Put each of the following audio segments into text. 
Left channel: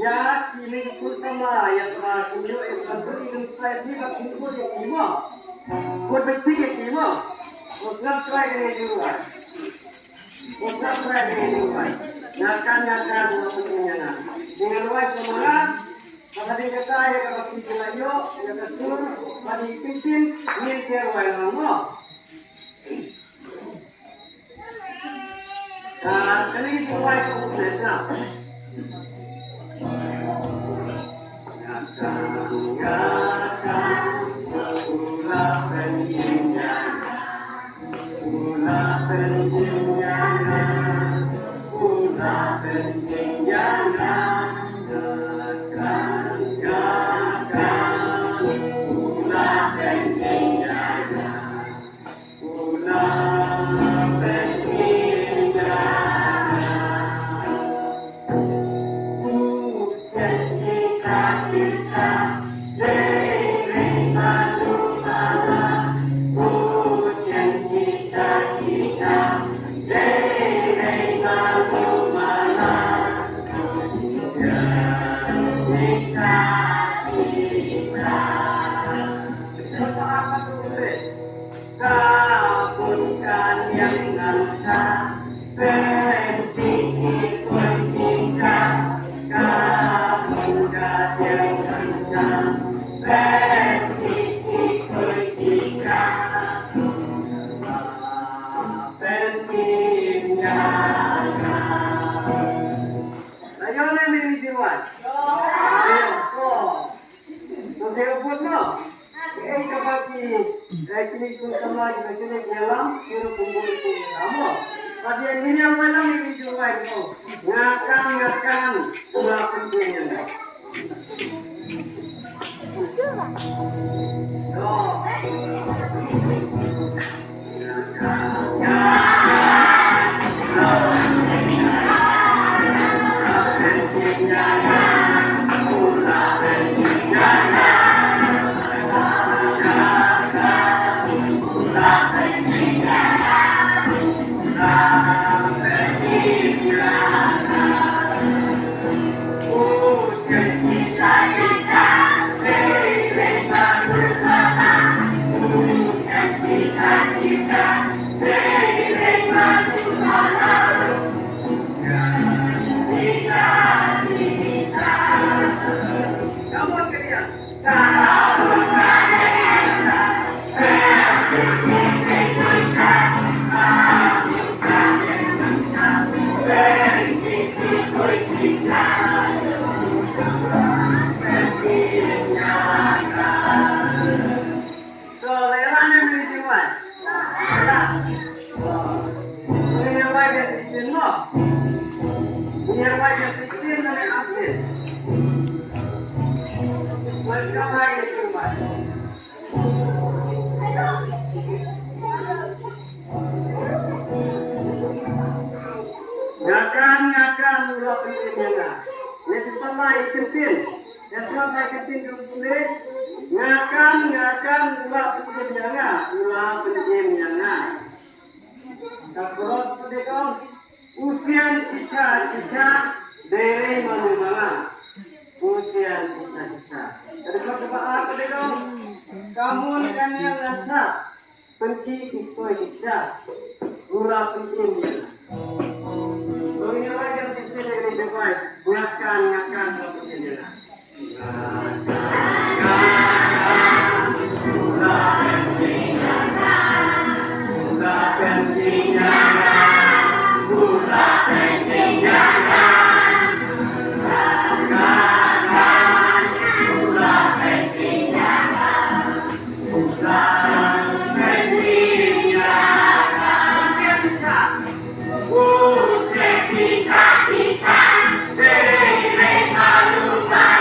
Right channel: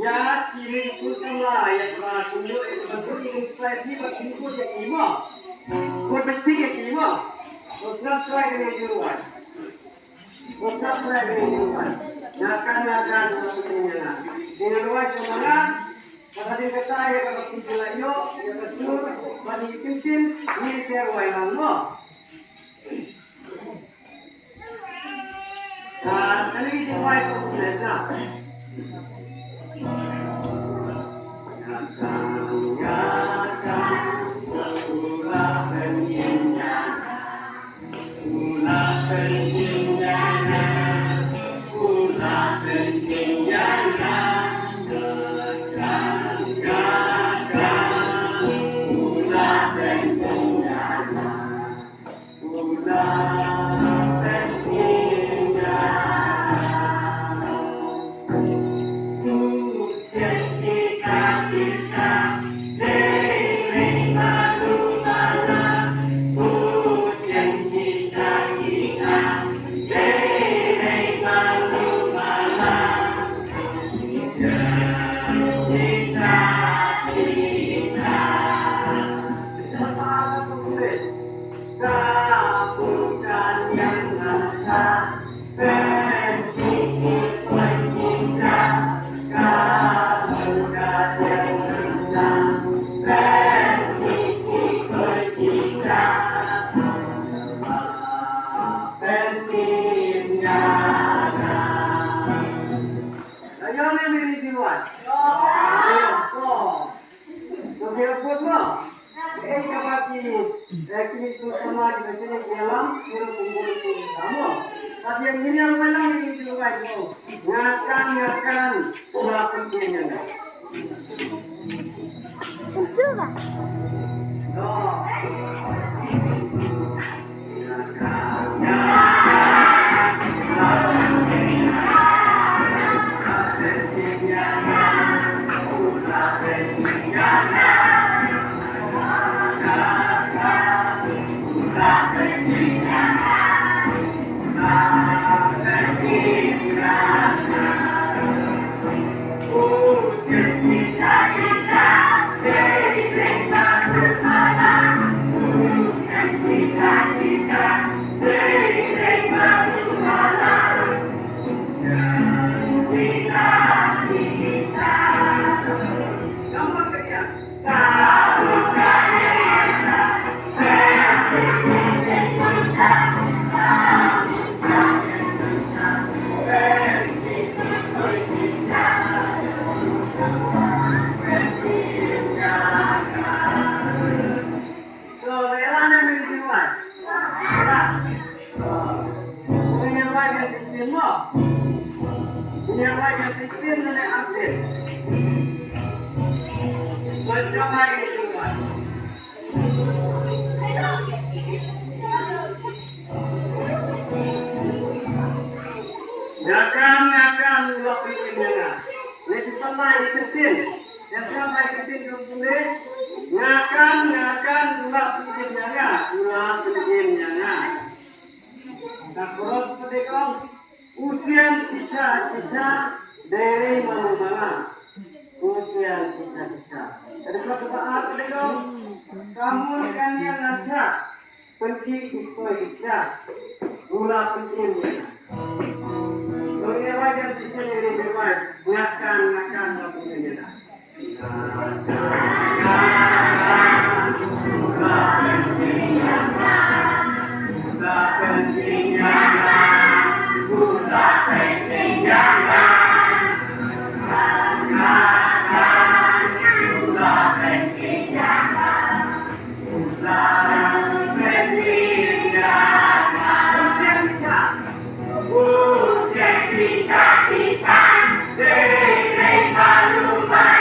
Ya kini bersama ya sama tunjuk itu betul saya di bagian yang lima. Buat betul yang lima. Usah saya dengan juruan. Usah saya dengan juruan. Nakan punya. Dengan wajah semula. Kata dia kata ya kata tunjuk layo ya kesur bagi pimpin ni saya rwai lama. Kali ini rwai kamu biasa. Ngakang ulah pentingnya. Ngakang ulah pentingnya. Yang pertama ikutin. Yang sampai ikutin konsumen. Ngakang ulah pentingnya. Ulah pentingnya. Terus seperti kau usian cica dari mana? Usian cica. Jadi kau apa deh kau? Kamu kan yang ngacak. Pergi ikut hijab. Ulah pentingnya. Bagaimana wajah sisi dari depan? Ngakang ulah pentingnya. Cica, cica, dere malu malu.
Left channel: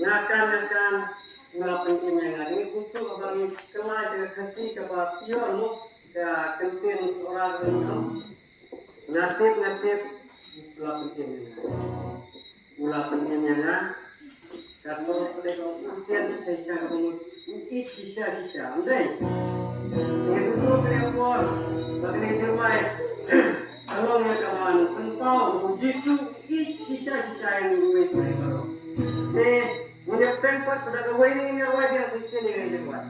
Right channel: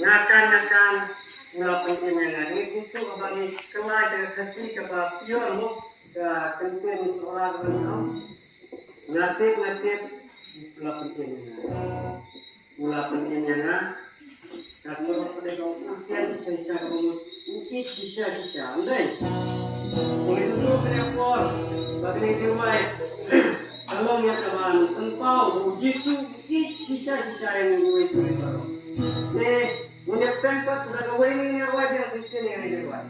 Ngakan melakukan ini situ bagi kelai dengan khasi kepada pion mu ya kentin seorang ngatit melakukan ini dan menurut mereka usia sisa kamu ikut sisa udah dengan situ terapor bagi di rumah kalau yang kawan engkau Yesus ikut sisa yang gue baru Ini tempat sudah kawin ini rwai yang sisi ini rwai.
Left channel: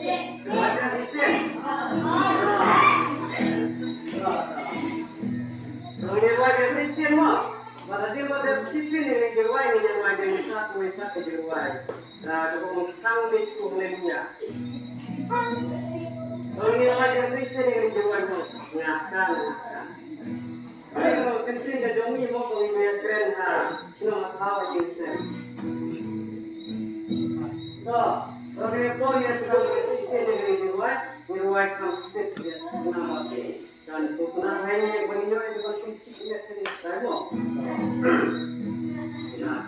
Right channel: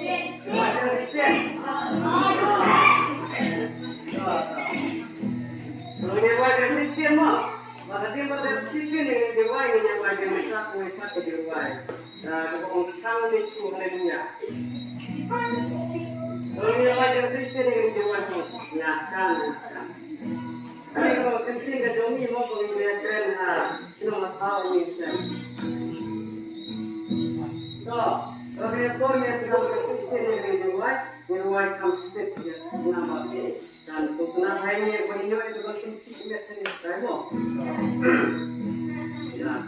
Yang sisi. Kalau ini rwai yang sisi mau, pada tempat yang sisi ini rwai yang satu tempat di rwai. Nah, kalau sekarang ini cukup lebihnya. Kalau ini rwai yang sisi ini rwai mau ngakan. Kalau penting kejomi mau pengen keren semua hal yang sen. Kalau kita yang sedang bersisi di ruang kamstet ya nama dan sukuna hanya berinyo itu konsumsi ya seni saya mau. Ya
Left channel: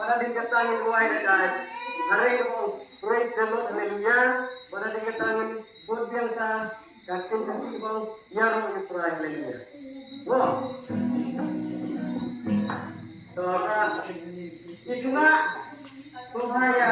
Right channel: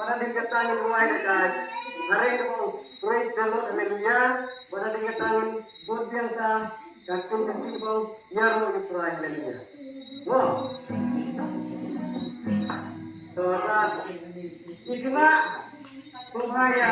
pada dikatakan ruai dekat hari itu praise the Lord haleluya pada dikatakan buat biasa kakek kasih bang yar mau diperai haleluya wow so itulah bahaya